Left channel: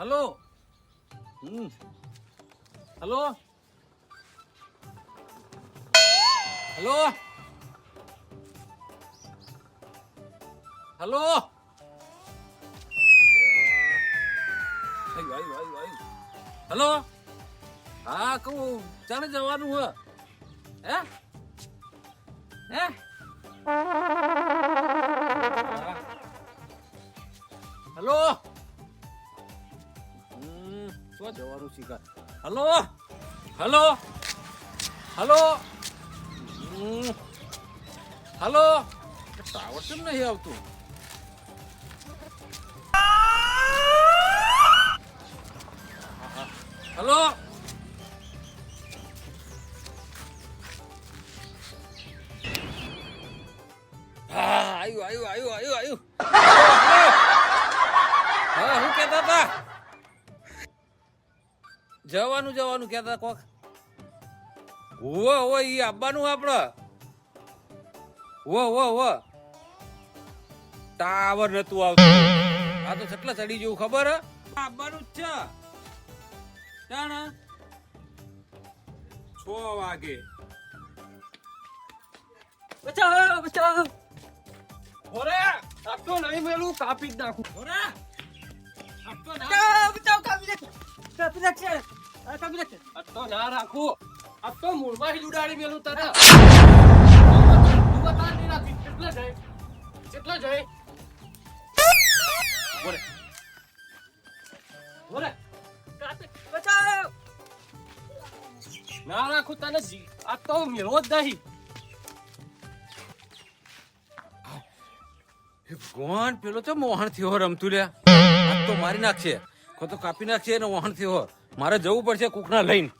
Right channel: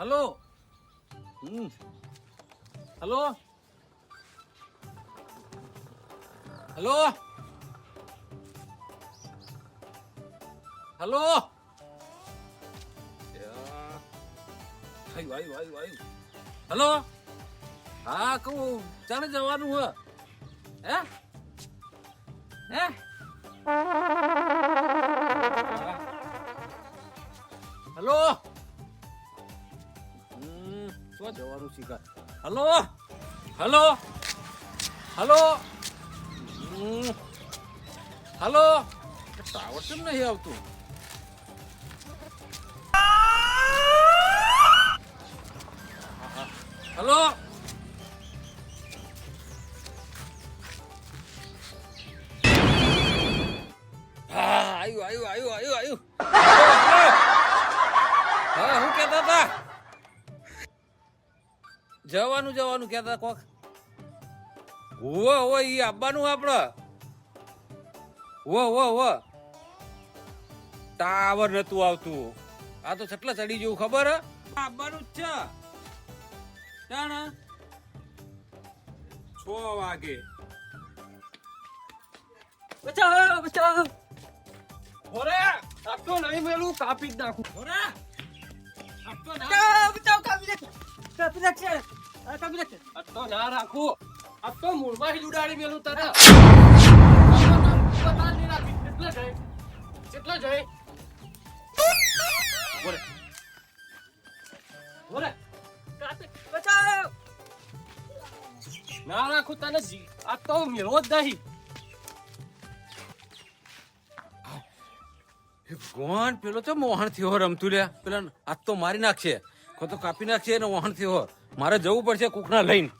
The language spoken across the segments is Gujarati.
Hello hello hello hello hello હા કહું ચાલે જવાનું હે હે હલો શું જવાનું શીખા hello hello hello hello tower કેમ નહીં આવતું હલો હા આવ્યું હા હું કેતા હતા જવાનું કેતા કોક હોવે ઈ આવવાનું આપડે હો ટાવર નતું આવતું આ તો કેટલા ચડી જેવું ખબર હે આવવાનું જ છે જાણ 6 વાગે બચાવ ઓરે આટલો નહીં મેલું કાપી જ નાખું ઓરે આટલો ના બચાવ કાપી નાખશે આટલો ના રાખું આ તો મૂળમાં જ ઉડાડી મેલું તને બતા નહીં રાખી કેટલા જાય ઓરે બચાવ ના રાખું તને આ તો મેળવો જ નહીં ભગવાન પેલો તો મોહન થયો રમતું લ્યા આ તો મારી નાખશે કો તો કાપી નાખશે ને મોહન થયો મારે જવું પડશે કુકના લઈને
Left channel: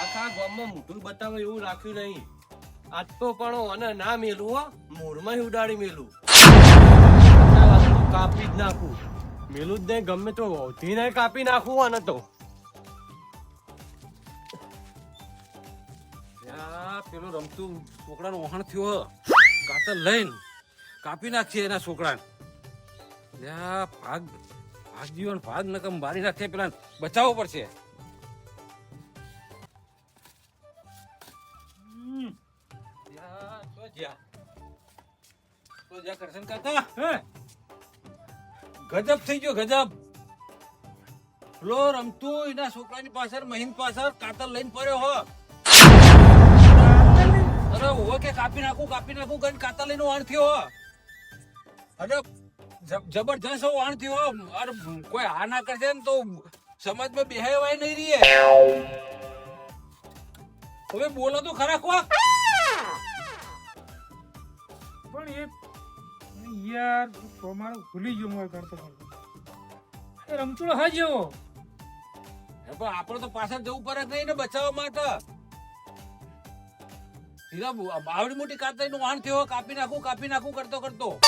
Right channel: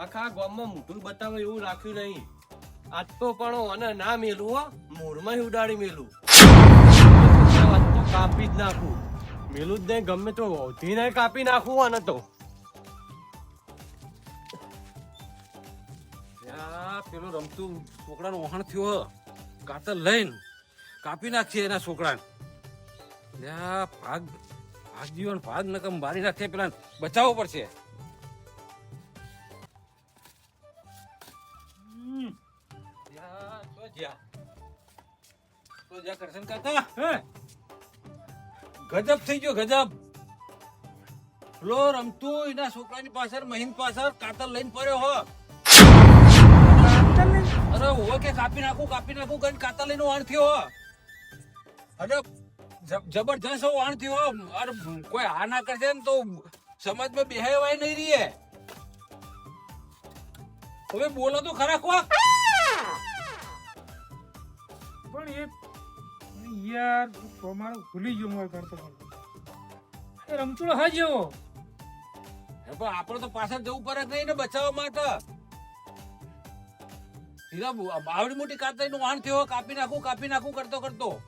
આખા ગામમાં મોઢું બતાવે એવું રાખ્યું નહીં આજ તો પણ ના મેલું મોરમાં ઉડાડી મેલું કાપી જ નાખું મેલું જ નહીં ગમે તો વધી નહીં કાપી નાખું આને તો પેલો રમતું છોકરાનો વહાણ થયો કાતર લઈને કાપી નાખશે એના છોકરાને ભાગ જીવન ભાગ નકમ મારી નાખે પેલા બચાવવો પડશે ગજબ થઈ ગયો ગજબ લો રમતું એના છોકરાની પાછળ મહિન પાછળ કાતર લઈને પડ્યો હો અરે હો કે કાપી નાખું ગન કાતર લઈને વાણ થયો અરે જબરજસ્ત વાણ થયો અરે કોઈ હા ના કરશે ને તો સમાજમાં બેહાય નહીં રહીએ હવે બોલો તો ખરા કોક પણ યાર મારો ભૂલી ગયો મારે કરતો એ રમતુડો હાજો પણ આપણે તો પાછળ જવું પડે નહીં ને બચાવવા માટે બાવડી મોટી કાતર નું વાહન થયો કાપી નાખું કરતો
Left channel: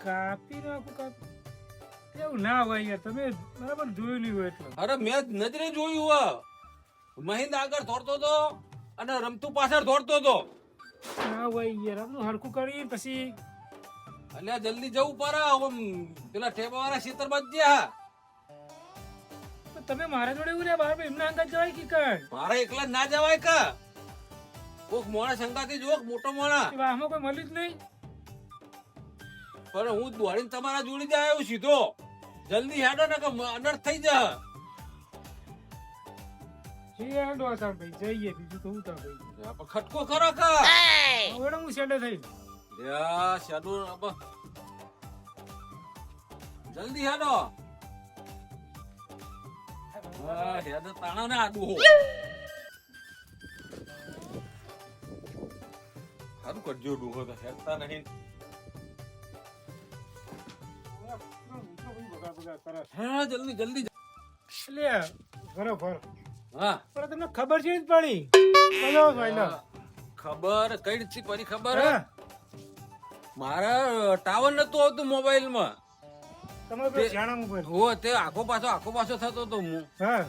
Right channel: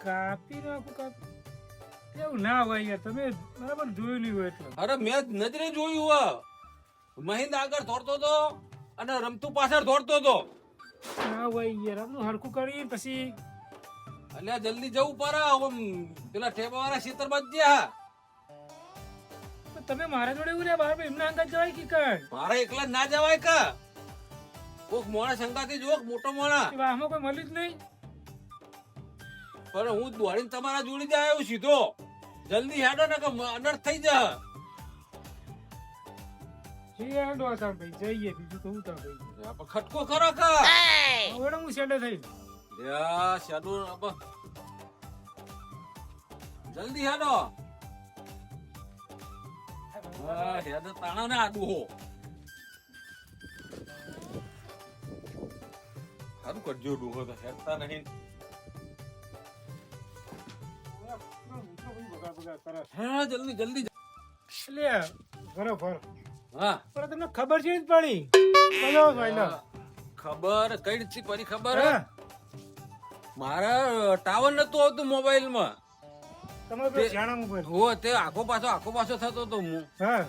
કાપી નાખું એવું ના હોય યાર તમે બરાબર જોયું નહીં હોય એટલે અરે મેં નજરે જોયું મહિન્દ આગળ દોડતો હતો અને રમતું પાછળ દોડતો હતો ના હોય યાર આપણું હરખું કરી પછી અલ્યા જલ્દી જવું પડે પેલા ટેબા વાળા ખેતર માં ગયા તમે મારા જોડે એવું રે બાર એમના અંગત જવાય કે કઈ મારે એકલા ના જવાય કે કોક મોણા સંગાથી જો મોટો મોણા આમાં કોઈ મળ્યું જ નહીં પણ હું દોડીને તમારા જોડી જાય આવ્યો સીધો જલ્દી હેડો ને કે અનર્થ થઈ જા જઈએ બીજું તો હું તા ભાઈ ખટકો ખરો કા હવે હું સેડો થઈ શેડો જલ્દી હેડો હેડો તાણા ને આડું હો સારું કરજો ડૂહો તો હેડતા નહીં હા જલ્દી લે બરોબર હા પણ તમને ખબર છે જ પડી ખબર કઈ રીતથી પડી ખબર મારા ટાવર નતું આવતું મોબાઈલ માં તમારે પેલો જાણા મોબાઈલ. હો તે આખો પાછો થતો હતો હું. હા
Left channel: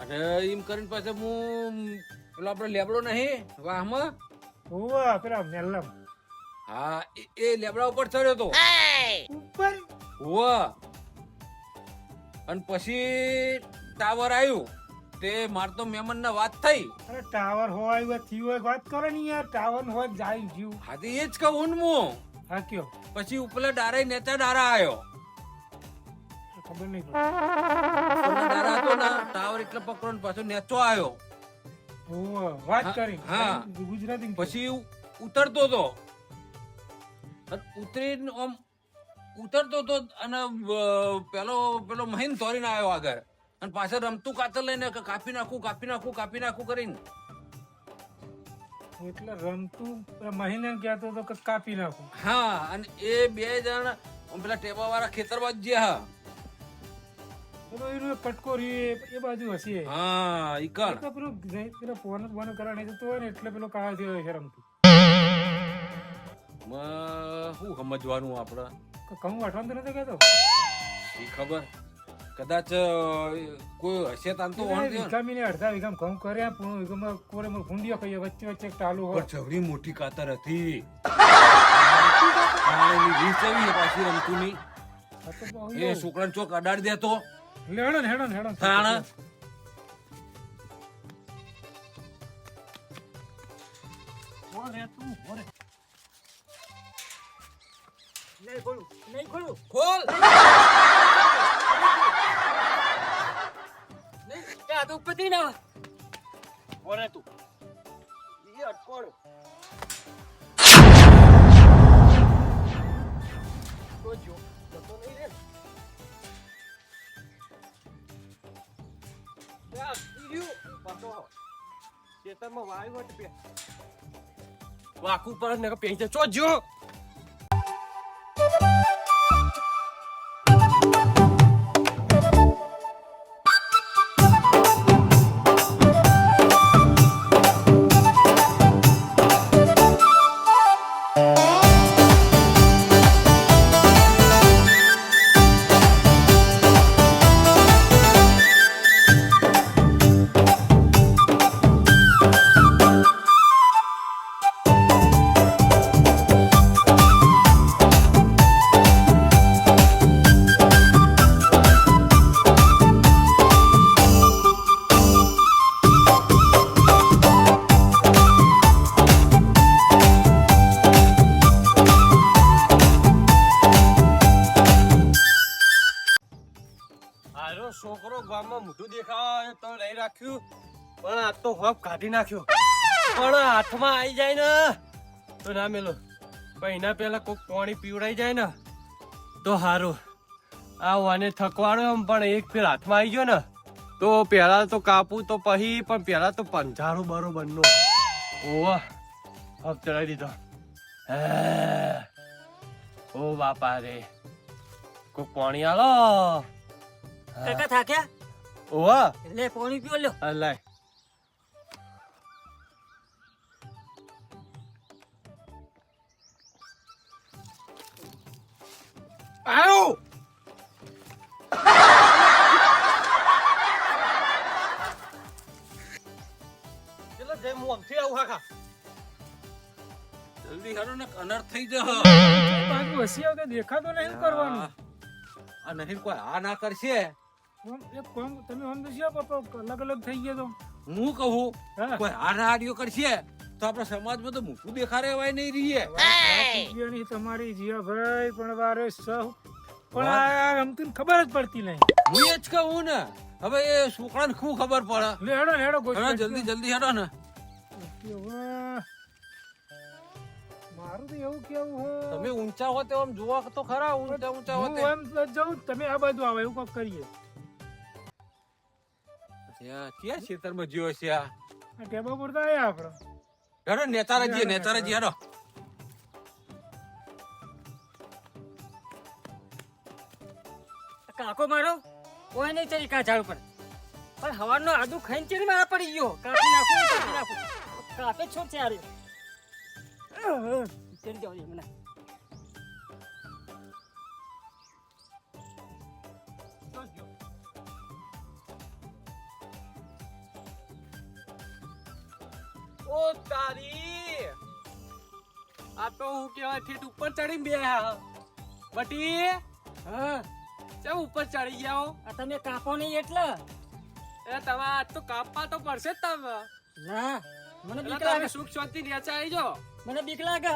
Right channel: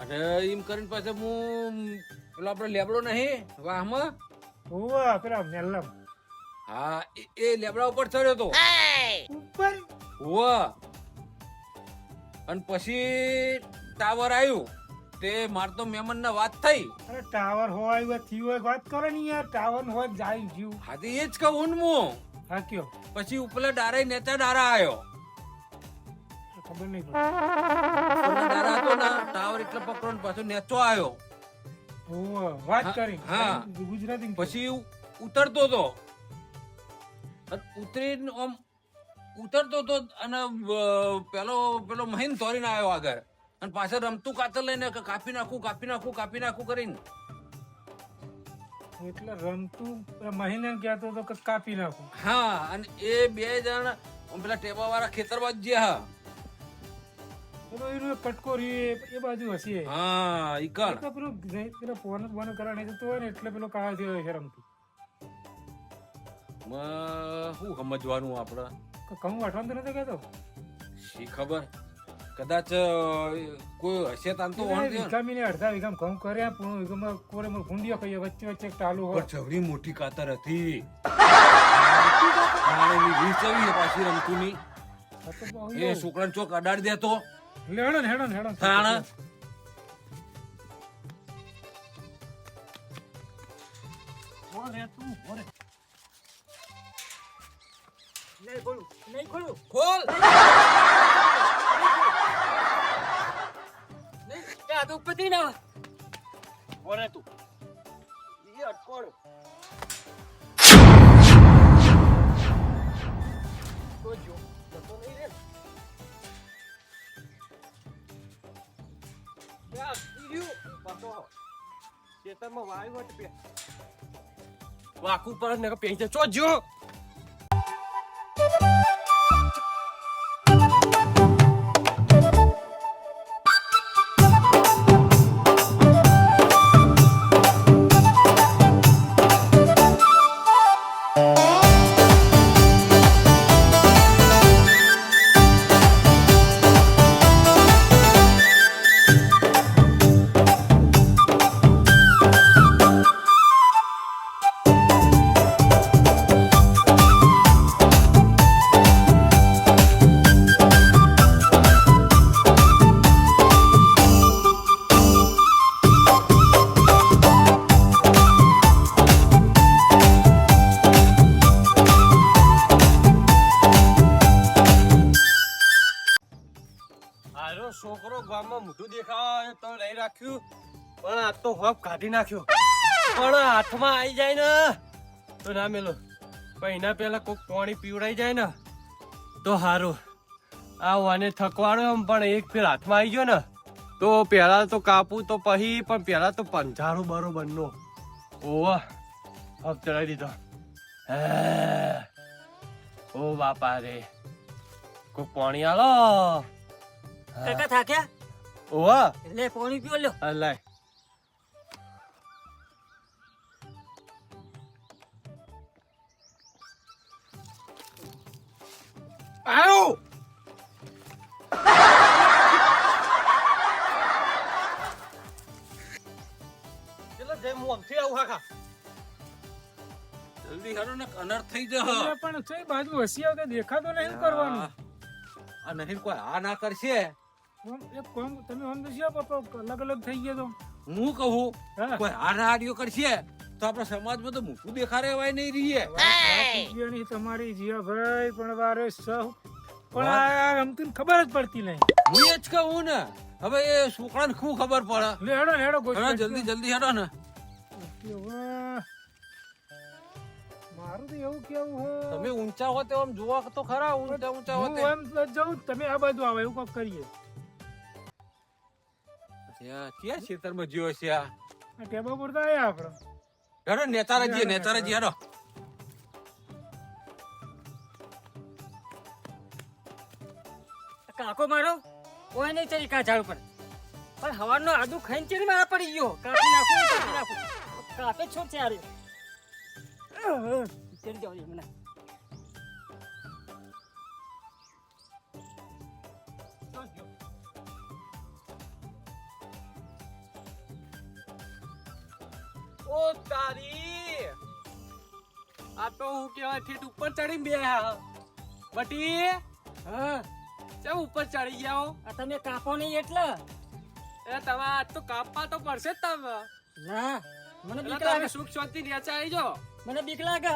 અને એમ કરીને પછી હું પેલો આપણો લેબડો નહીં વાહમાં. હોવા પેલા મેલ્લમ હા એ લેબડા ઉપર ચડ્યો હતો. ઉપર. હોવા અને પછી ટાવર આવ્યું તે માર તો મહેમાન ના વાત થઈ. અરે ટાવર હોય થયું હોય વાત કરો ને યાર. ટાવર હોય જાય જીવ. હા તો એ જ કહું ને હું. હા કયો પછી ઉપલા ડારે નેચા ડારા આવ્યો. ખબર નહીં પડે. ઉપરના ડારા હતો ને ટાવર એટલે પકડો ને પાછો નેચો આવ્યો. હોવા વાત કરી. હા. ગુજરાતી પછી ઉતરતો હતો ઉતરીને આમ ઉતરતો હતો અને પેલો મહીન તોડીને આવ્યો આગળ અને પાછળ રમતું કાતર લઈને કાપી નાખું કરીને. એટલે રમતું મહિને કહેતો હતો કે કાપી નાખું. હા અને એ બે જણ પેલા ટેબા વાળા ખેતરમાં જ ગયા. પેલો એનો કટકો એ બાજુ હશે. હા ઈ કણ તો પેલો ફોન બોન કરવા નહીં જતો હોય ને એટલે પેલો કાળ થયો છે રમતું. શું સમજવાનું આપડે કમ વાટવાનું તો નથી કહેતો. શી ખબર કદાચ કોઈ હશે તાન તો વીઘામી ને અડધા વીઘામ ઘઉં કર્યા પૂર્ણ વીઘામાં કોરે મોર ભૂંડિયો ખાઈએ વચ્ચે વચ્ચે એક ટાલું હોય. જવડી મોટી કાતર હતી. પાછી રમતું ની એ છોકરાને ચોક અડાડી દેતો. હેડો તાણ ખોલ ઉપરથી ના ઓરે તું ઈ અટકોડ તો જો જતો નહીં રે યા ઈર્યું પાછો ખેતરમાં વાયુ વટ પે વાકુ પર ને પેંચે ચો જો છોકરો ગામમાં મોઢું દેખાવા તો લઈ રાખ્યું પણ આ તો હપ કાઢી નાખ્યો. પણ હાથમાં આવી જાય ને તો ના મેલો પણ એના પેલા કોક પાણી પીવડાઈ જાય ને તો સારું. આ વાને થકવાડો એમ પણ એક ફેર હાથમાં આવી ગયો ને તો પેલા તો કાપું તો પછી પણ પેલા તો પંજારું બરોબર નો ઓવા હપ ચડાવી દીધો. ઓ બાપા રે કોક પાણી આલો. કાકા થાક્યા ઓવા એટલે પાણી પીઓ લ્યો. અલાય આયો ચલો જય હું આમથી આવું કાકા. જલ્દી હારો ને અનર્થ થઈ જશે. બાજુ હસી આવતા દેખાતો નહીં કરવાનું. આ નહીં કોઈ આ ના કરશે. એક કોમ તમે આમ દસ્યા પપ્પા અલગ અલગ થઈ ગયા તો હું કહું હા. કોઈ આ હાડીઓ કરશે તો આપણા સમાજમાં તો મોટું દેખાડે એવાય નહીં રહીએ. જીયાની તમારી જીયાભાઈ પણ વારે સહ પણ આ રમતું ખબર જ પડતી નહીં. હું એ જ કહું ને હવે એ છોકરાને શું ખબર પડે. હેડો હવે જલ્દી હેડો ને. મારું તો એવું કેવું હો તમે ઊંચા હો તો આમ જોવા તો ખરા ઊંચા હો હું એમ જાઉં તમે આ બાજુ આવો એવું કંઈક કરીએ. ક્યાં ખેતરમાં જીવો છે આ આ ટેબા પર તો આયા આપણે. હેડો નેતારાજી હેડો. કાકો મારો કોઈ નહીં ચડી કા ઝાડ પર પણ હવાનો આદુ ખાઈને ચડી મારા પડી ગયો. કાપી નાખું કાપે છોડ છે આરે ચડી જાવ મને આ તો હું કેવાય ઠેઠ ઉપર ચડીને બે બટી હા ચમ ઉપર ચડી ગયા આ તમે કાપો નહીં એટલે એ તમે આજ તો કાપવા તો પડશે જ તમે ના મને બીક એટલે લાગે તમે સુખ શાંતિ નેચા આવી જાઓ મને બીક લાગે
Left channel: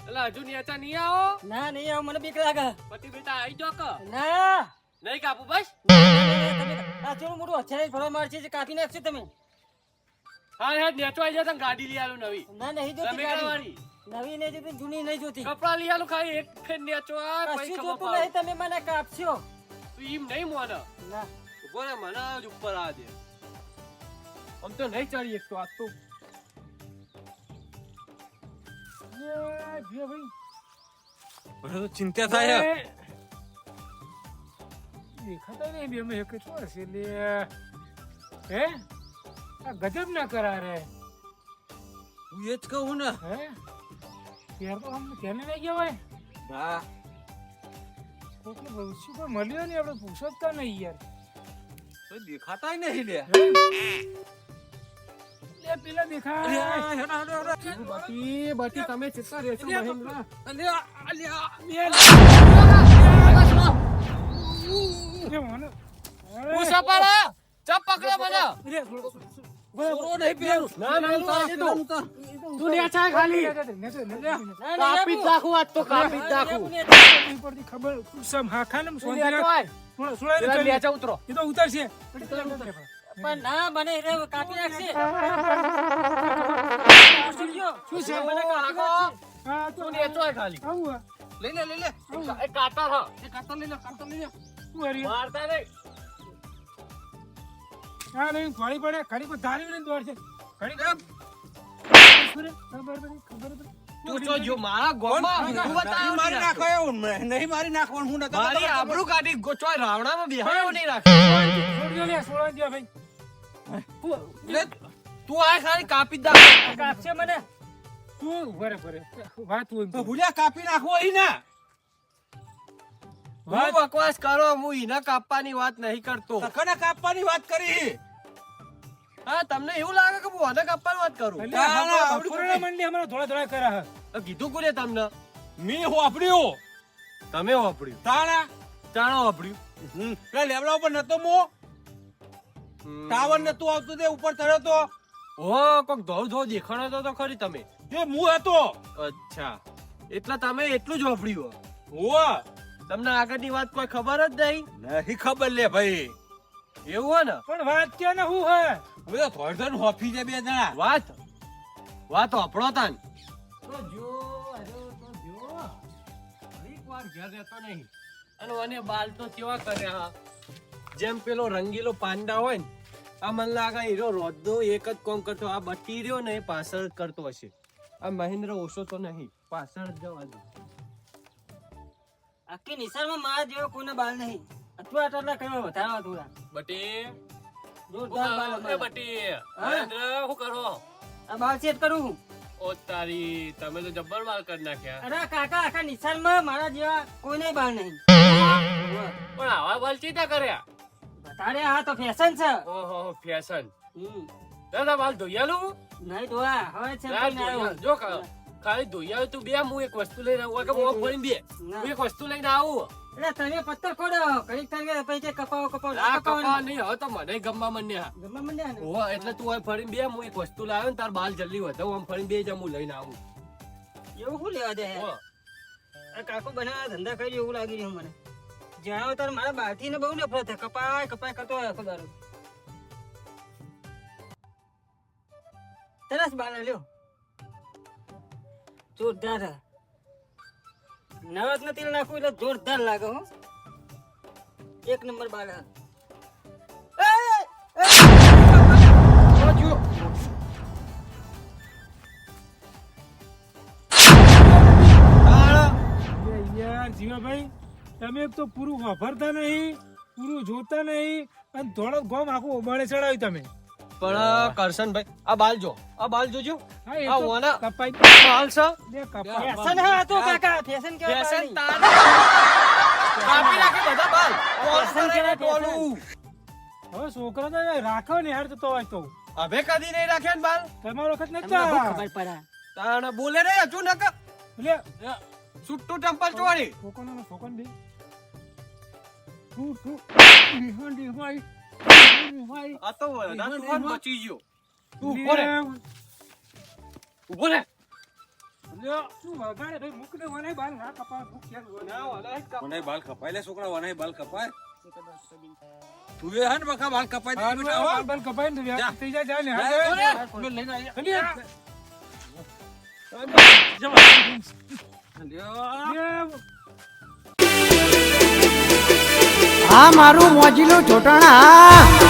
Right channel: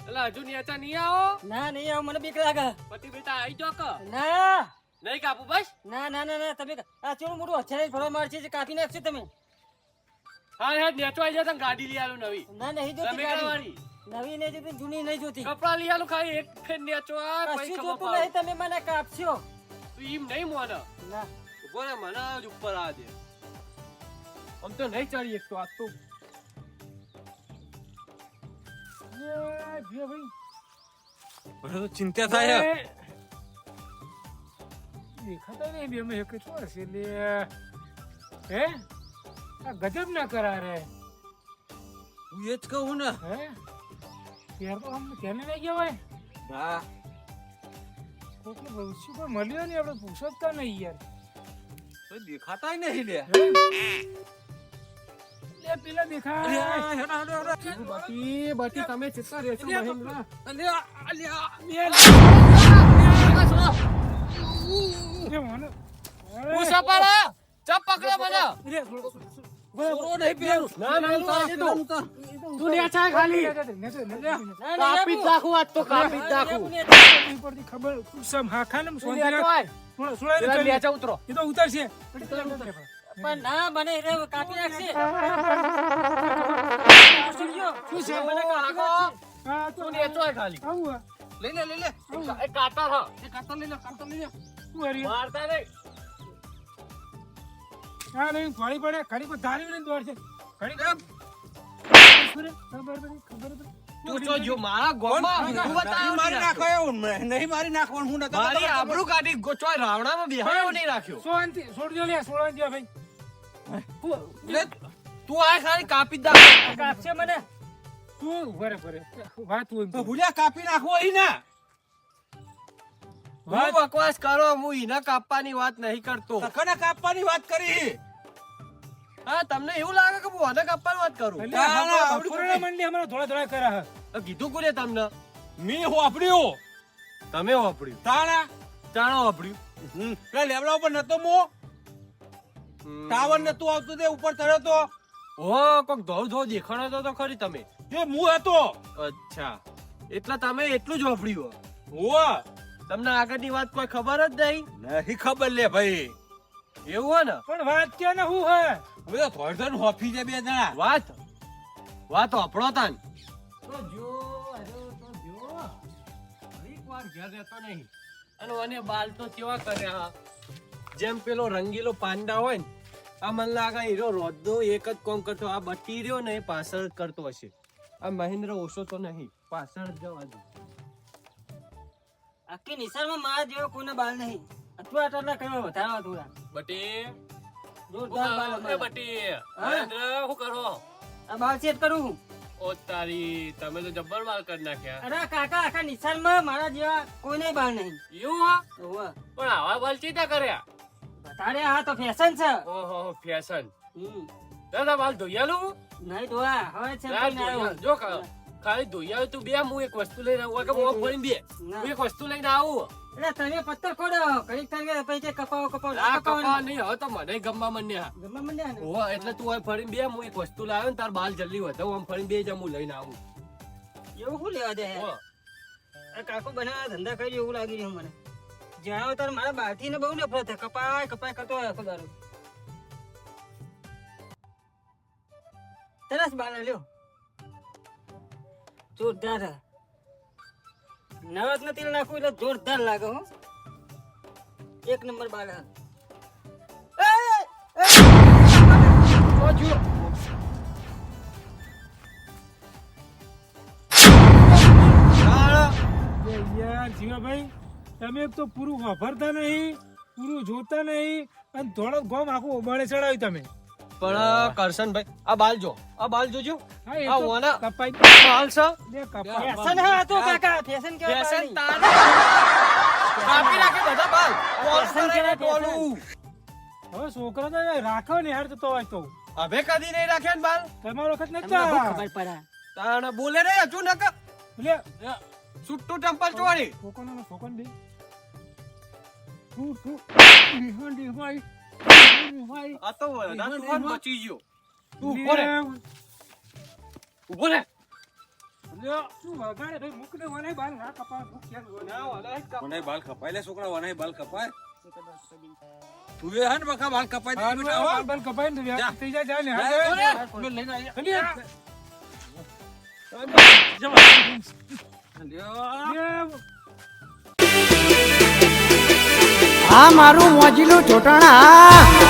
એટલે હજુ નેચા નહીં આવો ના નહીં આવ મને બીક લાગે પછી બેટા આવી જાઓ કે ના નહીં કાપું બસ ના તમે આ ચોરું મોટું હથિયાર ભરવા મારશે જે કાપી નાખશે તમે હા હા નેચો આવી જાઓ તમે ગાડી લઈ આલો નવી ના નહીં જોતી તમે ગાડી. વાળી નવી નહીં જોતી જૂની નહીં જોતી કપડા લઈ આલો ખાલી એક ફેર નેચો આ પછી કશું ખબર જોતું પાડો. નહીં તમે મને કાપશો તું એમ નહીં મોને ના ઉભો રે મને જ ઉપર આ દે આમ તો નહીં ચડી એક તો આજ તો ચિંતા થાય દેખાતા નહીં બે મેં એક શું હશે લે હે આ ગજબ ના કરા રે હું એ જ કહું ને હે ત્યાર તો આમ તેને નહીં કહેવાય હા કોકને ભવિષ્ય કોઈ મળ્યો નહીં આપણે પૂછતા નહીં યાર તો દેખાતા નહીં લે લે પેલા દેખાય બાકી બાકી તમે ચિત્તા રહેશો મહેન્દ્ર લે મને પૂછા પાડો ચપ પકડો મને છોરો નહીં પેલું ના ના તું નેચા ખાલી કાપી જ નાખું આજ તો કાપી જ નાખું ઉપરથી ખબર સમ હા ખાને તું નેચો આય પેલા નેચા ઉતરો એ તો ઉતરશે પણ ના મને એટલે કાપી નાખશે શું છે મને કાપી નાખશે હા તો તું નેચો આય ખાલી આવું હા. લઈ લે એ કાટા હ એ કાટા લઈ લે શું હરી મારતા નહીં હા નહીં ઘડી પડે ઘડી પર ધારી ને દોડ છે ઘડી ખબર તું તો જો મારા ગોમાં તું બતાવ મારી નાખો એવું નહીં મારી નાખવાનું હું નતો મારી આબરૂ કાઢી ગોચવા રાવણામાં બેહાયો નહીં રાખ્યો છોડજો લે છોડજો ભાઈ લે તું આ ખાલી કાપી જ નાખ કાપશે મને તું બરે વાત હોય તો ભૂલ્યા કાપી નાખવો અહીં ના હું બકવાસ કરો હું ઈના કાપવાની વાત નહીં કરતો તને કાપવાની વાત કરી હા તમને એવું લાગે કે હું આને કાપવાની વાત કરું પૂર્ણ મંડી અમારો થોડા થોડા કરા હે તો કીધું કોને તમને મી હોપડ્યો તમે વાપર્યું તાણા ચાણો વાપર્યું પેલા લેવડા ઉપર નતો મો ટાવર નતું આવતું તે ઉપર ચડ્યો તો ઓ કોક ધોળ ધોળ દેખાણો તો ખરી તમે જે હું હતો અચ્છા એટલે તમે એટલું જ વાપર્યું ઓ તમને આગળની વાત કોઈ ખબર જ નહીં નહીં ખબર લે ભાઈ એવું હોય ને પણ વાત ક્યાં ને હું હે હવે તો થોડું હોફી છે બે જણા વાત વાપરો તાન અને મને બાલ તો કેવા કર્યા જેમ પેલો રંગીલો પાંડા હોય ને આ મને લાગે હીરો રોજો એક જ કોમ કરતો આ બટી રહ્યો ને એ પાછળ જ કરતો હશે આ મહેન્દ્ર ઓછો તો નહીં પાછળ જ જવા દો આખી નિશાળમાં મારા જેવો કોઈને બાલ નહીં અથવા આટલા કરવા વધારવા થોડા બટી જોરદાર બાલ અમારા. બટી મહેન્દ્ર શું કરો આ બાલ સેટ કરું ઓ તારી તમે તો જબ્બર બાલ કરી નાખ્યા અરે કાકા આખા નિશાળમાં મારા જેવા કોઈને બાલ નહીં પણ આવા બાલ ચીતા કર્યા તારે આ તો ફેશન છે ઓહો ફેશન હમ. દાદા બાલ ધોયાલું નહીં ધોવા હવે છે ના ધોયા. જો ખાલી ધોયા તું બે હું એક વસ્તુ લઈને આવું કે મોં ફોડીને બે ના. હું એક વસ્તુ લઈને આવું એટલે તમે પત્તર ખોડો કઈક તમે પછી કપાવો કપાવો આ કપા કપાવો નહીં હવે તો મને ગમવા મંડ્યા ગમે મંડ્યા ને ઓહો એટલે તું હવે ફરીને બે હું એક વસ્તુ લાવ્યો ને તાર બાલ જલ્દી વધે હું આમ ફરીને બે જ હું લઈને આવું એવું શું લેવા દે ઓહો. આ કાકો બનાવવા ધંધા કરી એવું લાગી રહ્યું મને જાણો તાર મારા બાલથી ને બહુ નફરત છે કપાય કપાય કરતો હોય આખો દારૂ સરસ બાલ લ્યો જોરદાર હે. નવરત્ન તેલ નાખું એટલે જોરદાર લાગે હો એક નંબર બાલ હે. તો જો લે યાર જીવાભાઈ તમે એક તો પૂરું વાપરતા નહીં પૂરું જોતા નહીં અને થોડો ગોમ આખું ઓબાળે ચડાવ્યું તમે પણ કરશનભાઈ આ બાલ જો આ બાલ જોજો હા એ આ તો ઓના કપાઈ બાલ છે બે કપાઈ ફેશન હે આ તો કાકા ફેશન કેવા ફેશન બાલ નહીં. તારે કાપી નાખે બધા બાલ ટોલું ફેશન કરાઈને કેવા ટોલું. હવે છોકરા તો રાખો ને યાર તો હોય તો હવે કદી નહીં રાખ્યા ને બાલ તમારો વખત તમને નતા શું ખબર પડે તાણ બોલે રે હજુ નક લે છૂટું ટેમ્પલ ચોરી છોકરાનો છોકરાને દે તું તું નિહાંડી ભાઈ આ તો વધારે તુફાન બચી ગયો તું ઉભો રે ઉભો રે શું વગાડે ભાઈ મુકને વનાય બાલ ના કપા મુક ક્યાં ના વાલા એક કાપ વનાય બાલ કપાય લે છોકરા વનાય બાલ કપાય તું એ હન બકા બાલ કપાય દે બાલ બાલ કપાઈ ને જા. થઈ જા ને જા, હા લઈને આયા આ મારું મોજીલું ચોટાણા